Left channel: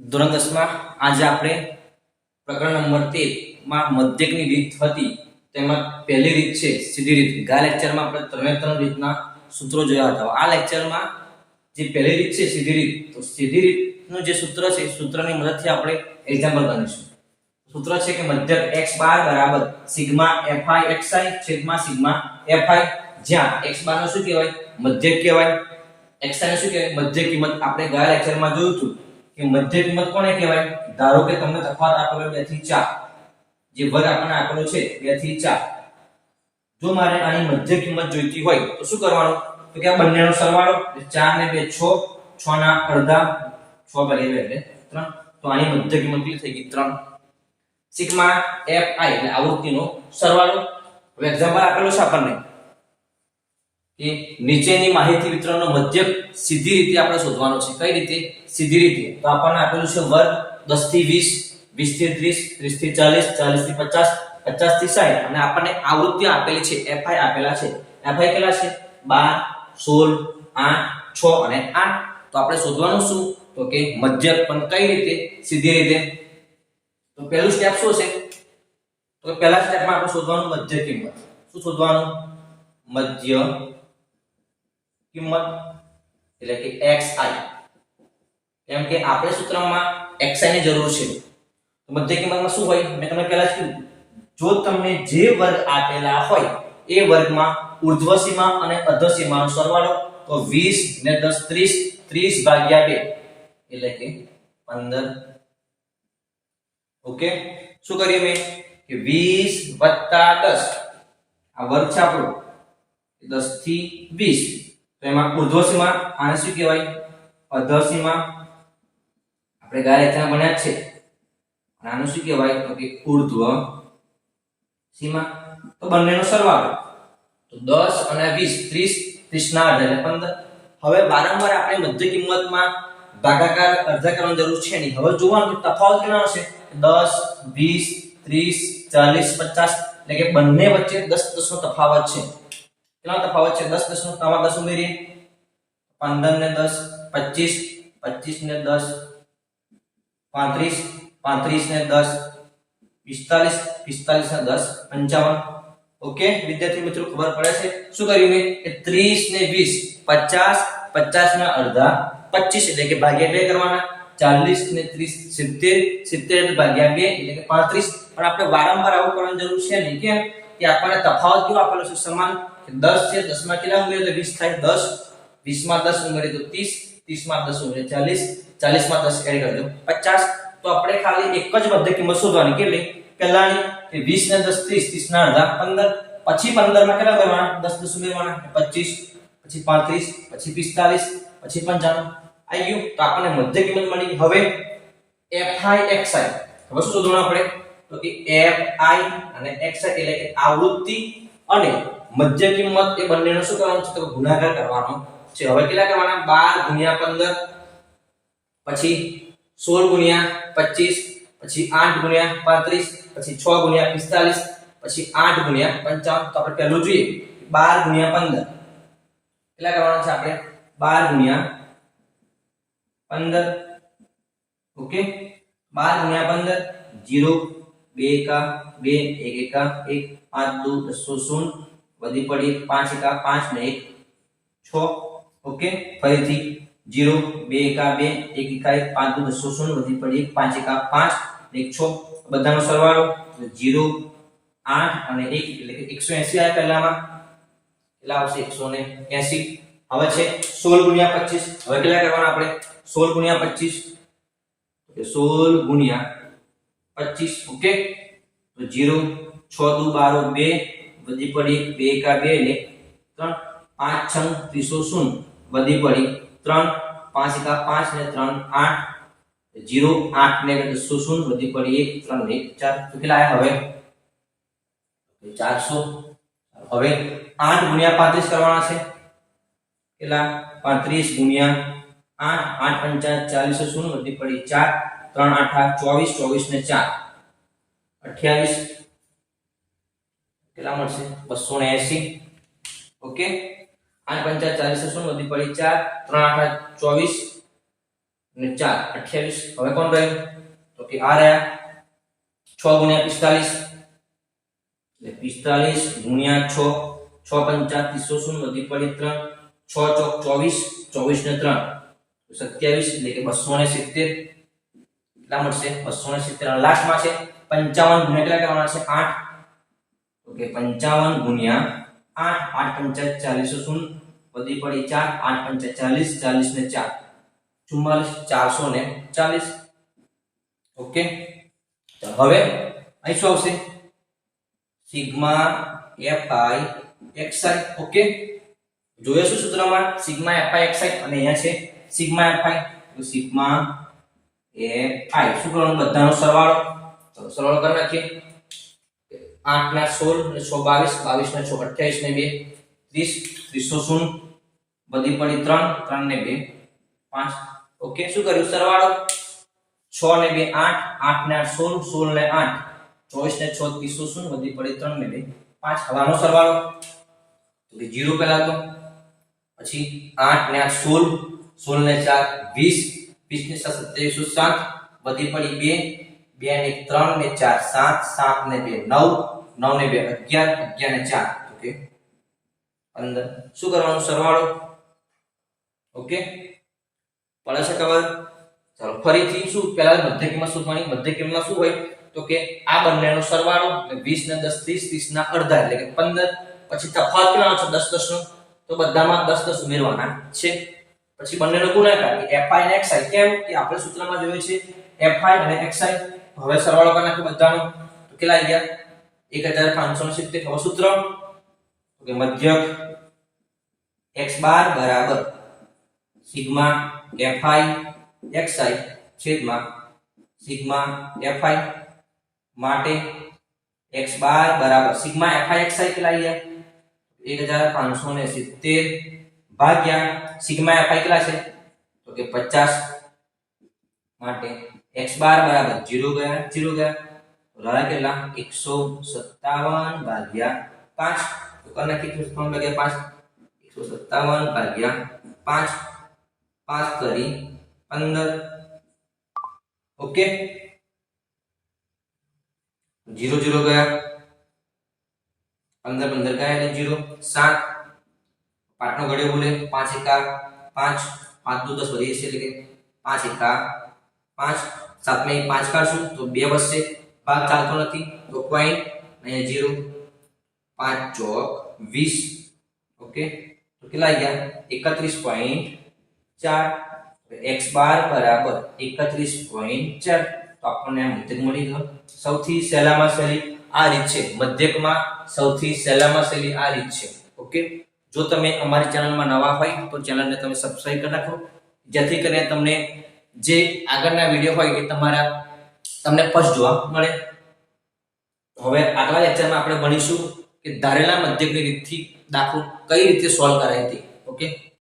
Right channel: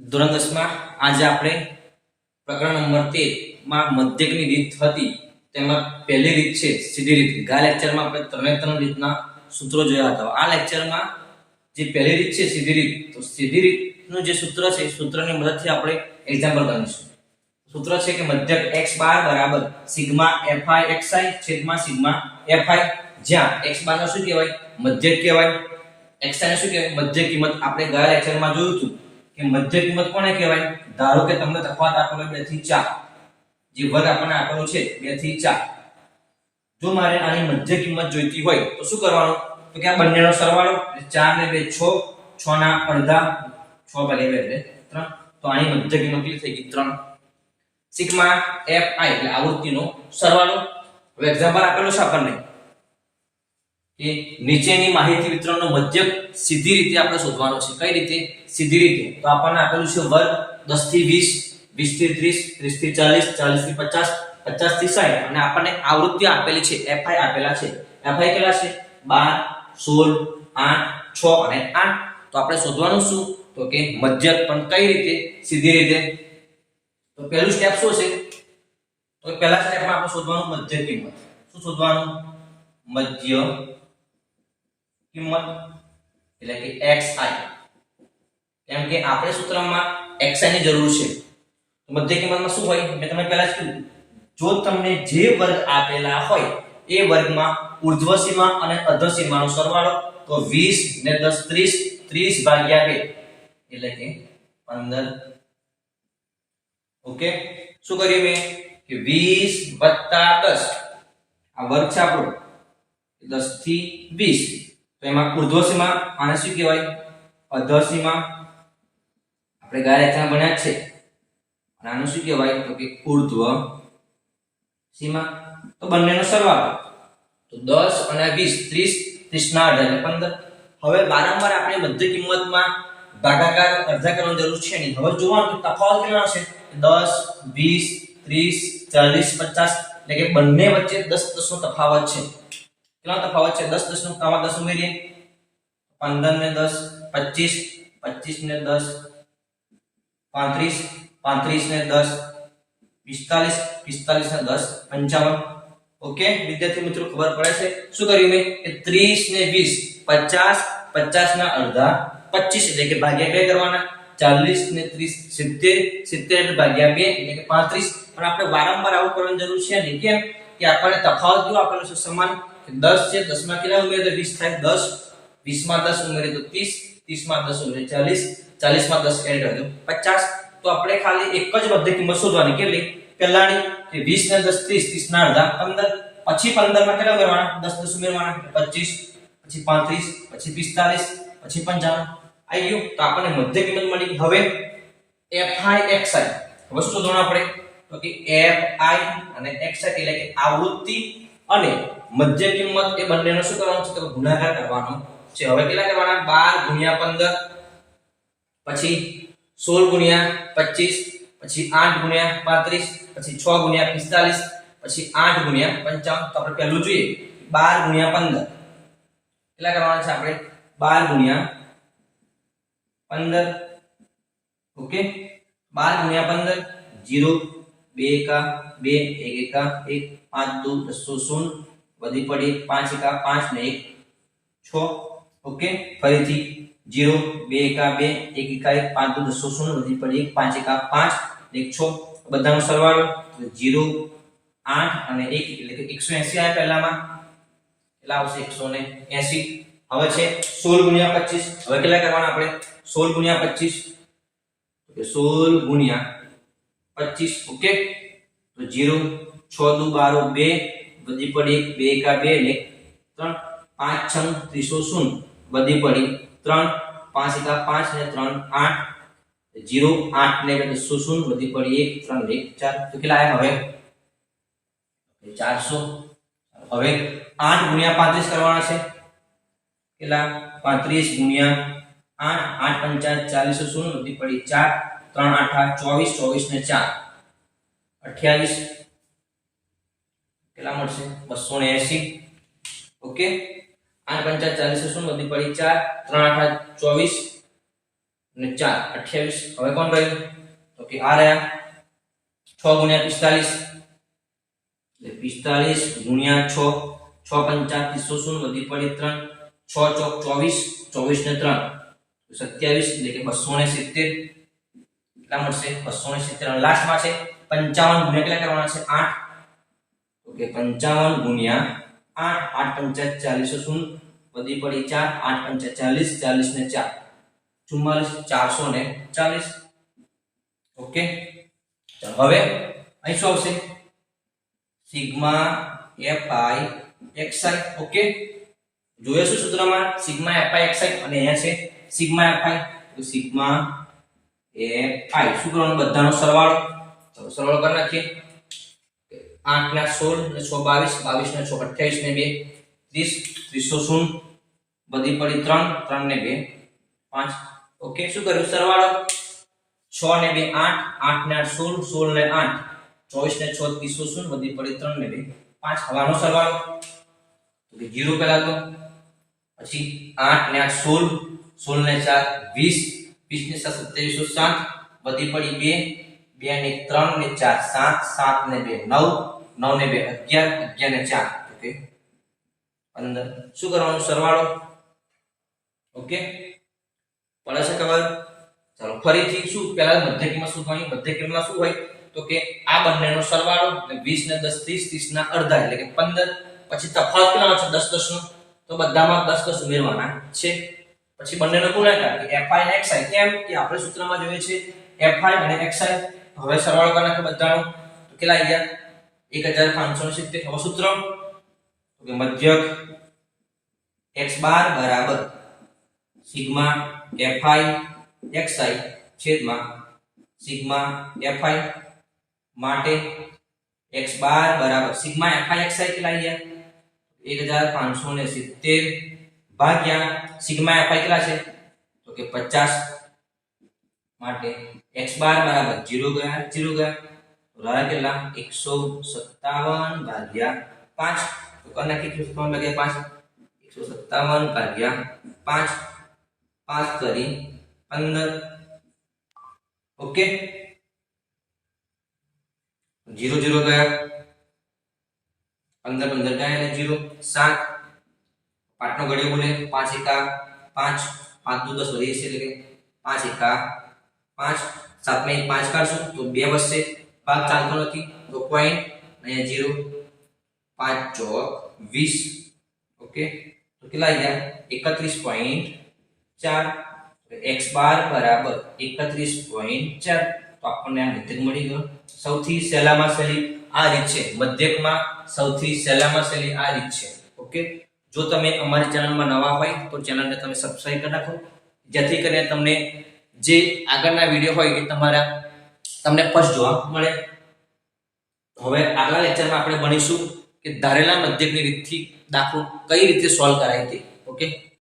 ધોરણ 10 માં આજે આપણે પ્રકરણ નંબર 13 માં મધ્યકની રીત હતી તેમાં પહેલી રીત છે સીધી રીત। ગયા લેક્ચરમાં આપણે ત્રણે રીતના સૂત્રો જોયા હતા। આ લેક્ચરમાં જે પહેલી રીત છે સીધી રીત, તો સીધી રીતનું જે સૂત્ર છે સૂત્રની મદદથી આપણે એક્ઝામ્પલ ગણીશું। સૂત્ર છે કે મધ્યક x બાર બરાબર સિગ્મા fi xi છેદમાં સિગ્મા fi, જ્યાં x બાર નો શું કહેવાય? મધ્યક કહેવાય। xi ને શું કહેવાય? મધ્ય કિંમત। આપણે ગયા લેક્ચરમાં જોયું હતું કે મધ્ય કિંમત કોને કહેવાય? ધારો કે તમને તફાવત આપેલો 2 થી 4, જે વર્ગ આપણને આપેલો છે 2 થી 4, જો મારે આની મધ્ય કિંમત જોઈતી હોય તો શું કરવાનું? તો કે આ બંનેનો સરવાળો 4 ને 2 6, 6 ના અડધા 6 ભાગ્યા 2 એટલે 3, તો આની મધ્ય કિંમત કેટલી થઈ ગઈ? 3। સિગ્મા fi એટલે આવૃત્તિનો સરવાળો। હવે એક્ઝામ્પલ આપેલું છે આપણને કે નીચેની માહિતી વિતરણનો મધ્યક સીધી રીતે આપણે શોધવાનો છે। કઈ રીતે? સીધી રીતે। તો આપણને આપેલું છે વર્ગ 10 થી 20, 20 થી 30, 30 થી 40, 40 થી 50, 50 થી 60, અને આપણને આવૃત્તિ આપેલી છે fi આપેલા છે। fi કેટલા છે? 12, 16, 8, 6 અને 8। તો આપણે શોધવાનું શું? તો કે મધ્યક। પણ કઈ રીતે? સીધી રીતે। તો પહેલું સ્ટેપ શું છે? તો પહેલા સ્ટેપમાં આપણે શોધવાનું મધ્ય કિંમત। શું શોધવાનું? મધ્ય કિંમત એટલે કે xi, કેમ કે આપણે સૂત્રમાં xi ની જરૂર છે। તો મધ્ય કિંમતમાં શું હોય? મેં તમને પહેલા જ કીધું, જો તમને જે વર્ગ આપેલા હોય એ વર્ગમાં ઉર્ધ્વ સીમા અને અધર સીમાનો સરવાળો, તો 20 ને 10 30, 30 ભાગ્યા 2 એટલે કે 15। ઓકે, શું કર્યું મેં કે 20 + 10, આ વર્ગ છે આપણો 10 થી 20, તો એમાં ઉર્ધ્વ સીમા આને શું કહેવાય? અધર સીમા। આપણે ગયા લેક્ચરમાં ભણ્યા છે, અને આનું શું કહેવાય? તો કે ઉર્ધ્વ સીમા। તો બંનેનો સરવાળો, તો 10 અને 20, 30, 30 ના અડધા એટલે 15। હવે વારંવાર આપણે મધ્ય કિંમતમાં ભાગાકાર અડધા કરવાની જરૂર છે નહીં। હવે જોવાનું કે તફાવત કેટલો હશે? 10, 20, 30, 40, 50, એટલે કે બંને વચ્ચે 10 10 નો તફાવત છે। કેટલો તફાવત છે? 10 10 નો, આમાં 10 ઉમેરીએ, 15 ને 10 25, 25 ને 10 35, 35 ને 10 45, 45 ને 10 55। ઓકે વિદ્યાર્થી મિત્રો, ખબર પડે છે? શું કર્યું મેં કે 30 ને 20 50, 50 ના અડધા 25 એટલે કે ભાગ્યા 2 કરવાના, 40 ને 30 70, 70 એટલે ભાગ્યા 2 એટલે કે 35। પણ આપણે વારંવાર આવું કરવાની જરૂર છે નહીં। કેમ કે આપણને તફાવત કેવો આપેલો છે? સમાન। 10 છે, 10 માં કેટલા ઉમેરીએ તો 20 થાય, 10, 20 માં 10 ઉમેરીએ તો 30, 30 માં 10 ઉમેરીએ 40, 40 માં 10 એડ કરી દો 50। તો આપણે ખાલી એક જ મધ્ય કિંમત શોધવાની। કેટલી? પહેલાની કે 20 ને 10 30, 30 ના અડધા 15, પછી 15 માં કેટલા કરવાના? 10 10 ઉમેરવાના 25, પછી 35, પછી 45, પછી 55। આવી ગયું? તો આપણને મધ્ય કિંમત મળી। હવે fi xi, હવે શું શોધવાનું આપણે? તો કે fi અને xi એટલે કે આવૃત્તિ અને મધ્ય કિંમત એ બંનેનો શું કરવાનું છે? તો ગુણાકાર કરવાનો છે। હવે કેટલા કરવાના? 12 ગુણ્યા 15, પછી 16 ગુણ્યા 25, પછી 8 ગુણ્યા 35, પછી 6 ગુણ્યા 45, પછી 8 ગુણ્યા 55। તો આપણે પહેલું જોઈએ 12 ગુણ્યા 15, કેટલા કરવાના છે આપણે? 12 ગુણ્યા 15। ઓકે, 12 ગુણ્યા 15, 0 2 એકા 2, 1 એકા 1, 5 2 10 0, વધી પડી 5 એકા 5 ને 1 6। ઓકે, ફરીથી 0 2 એકા 2, 1 એકા 1, 5 2 10 0, વધી પડી 5 એકા 5 ને 1 6, બધાનો સરવાળો 0 8 અને 1 એટલે કે 180 આવે પહેલામાં, કેટલા આવશે? 180। હવે છે 16 ગુણ્યા 25, હવે કેટલા કરવાના આપણે? 16 ગુણ્યા 25, તો 16 ગુણ્યા 25। ઓકે, તો 0 6 દુ 12 2, વધી પડી 2 એકા 2 એટલે 3, 5 6 30 0, વધી પડી 3, 5 એકા 5 ને 3 8, 0 8 ને 10 0, વધી પડી 1 3 ને 1 4, તો કેટલા આયા હવે? 400। હવે 8 ગુણ્યા 35 કરવાના છે। કેટલા? 35 ગુણ્યા 8, 8 5 40 0, વધી પડી 4, 3 8 24, 24 ને 4 28, કેટલા મળશે? 280। ઓકે, 8 5 40 0, વધી પડી 4, 3 8 24, અને 4 28. હવે કોણ રહ્યું તો કે આ રહ્યા 6 ગુણ્યા 45 એટલે 45 ગુણ્યા 6 6 પંચા 300 વધી પડી 3 6 ચોક 24 24 ને 3 27 એટલે કે 270 કેટલા મળશે 270 લાસ્ટમાં છે 55 ગુણ્યા કેટલા કરવાના છે 8 તો કે 55 ગુણ્યા 8 8 પંચા 40 શૂન્ય વધી પડી 4 8 પંચા 40 40 ને 4 44 440 ઓકે ચાલો હવે અહીં શું આવશે સિગ્મા fi xi ઓકે જોઈએ શું સૂત્રમાં સિગ્મા fi xi અને અહીંયા છે સિગ્મા fi તો સિગ્મા fi શું કરવાનું બધાનો સરવાળો ચલો સરવાળો કરી નાખીએ 8 ના 16 ને 6 22 22 ને 6 28 ને 2 30 300 બધી પડી 3 3 ને 2 5 ઓકે શું કર્યું સરવાળો 6 ને 2 8 8 ને 8 16 16 ને 8 24 ને 6 300 વધી પડી 3 ને 2 5 હવાનો સરવાળો તો કે 0 પહેલા તો પછી 8 ને 8 16 16 ને 4 20 20 ને 7 2707 વધી પડી 2 2 ને 3 ને 4 7 7 ને 2 9 9 ને 2 11 11 ને 4 ઓકે 15 શું કરવાનું સરવાળો ઓકે પડે છે ખબર ચાલો ફરીથી શું પહેલા મધ્ય કિંમત શોધવાની મધ્ય કિંમતમાં શું હોય તો કે આ બંનેનો સરવાળો એટલે 20 ને 10 30 30 ના અડધા એટલે કે 15 પછી તફાવત કેટલાનો છે 10 10 નો તો બધામાં 10 10 ઉમેરવાના છે પછી બંનેનો ગુણાકાર કે fi અને xi કેમ કે આપણે સૂત્રમાં જોઈએ છે fi અને xi હવે સરવાળો કરી નાખો બધાનો તો કેટલા આવી ગયા 1570 હવે સૂત્ર તો કે મધ્યક x બાર બરાબર સિગ્મા fi xi છેદમાં સિગ્મા fi માટે x બાર બરાબર સિગ્મા fi xi કેટલા આવી ગયા 1570 ભાગ્યા સિગ્મા fi કેટલા છે તો કે 50 માટે x બાર બરાબર 0 ગયા 0 ગયા રાણા કેટલા 157 ભાગ્યા 5 તો કરના કેટલું 3 ભાગ્યા 5 157 ભાગ્યા 5 5 કરી 15 ઓકે 0 0 ગયા 15 15 ગયા એટલે 0 7 પાટનો ઘડિયો બોલે 5 એકા 5 5 દુ 10 વધી છે એટલે કે 5 એકા 5 7 में 5 કાઢશું તો 2 બચશે ભાગ ચાલતો નથી તો પોઈન્ટ અહીંયા 0 5 ચોક 20 ઓકે તો કેટલા આવી ગયા 31.4 x બાર બરાબર 31.4 તો આપણને આ મધ્યક મળી ગયો સૌથી સહેલામાં સહેલી આ રીત છે મધ્યકમાં સૌથી સહેલામાં સહેલી આ રીત છે ઓકે જો તમે અમારી ચેનલમાં નવા હોય તો ચેનલને તમે સબસ્ક્રાઇબ કરી નાખો જેથી કરીને તમને જે આગળના વિડિયો હોય એ તમને ફર્સ્ટ જોવા મળે હવે આગલા લેક્ચરમાં આપણે ભણીશું કે ધારેલા મધ્યકની રીતથી દાખલો કઈ રીતે સોલ્વ કરાય તે ઓકે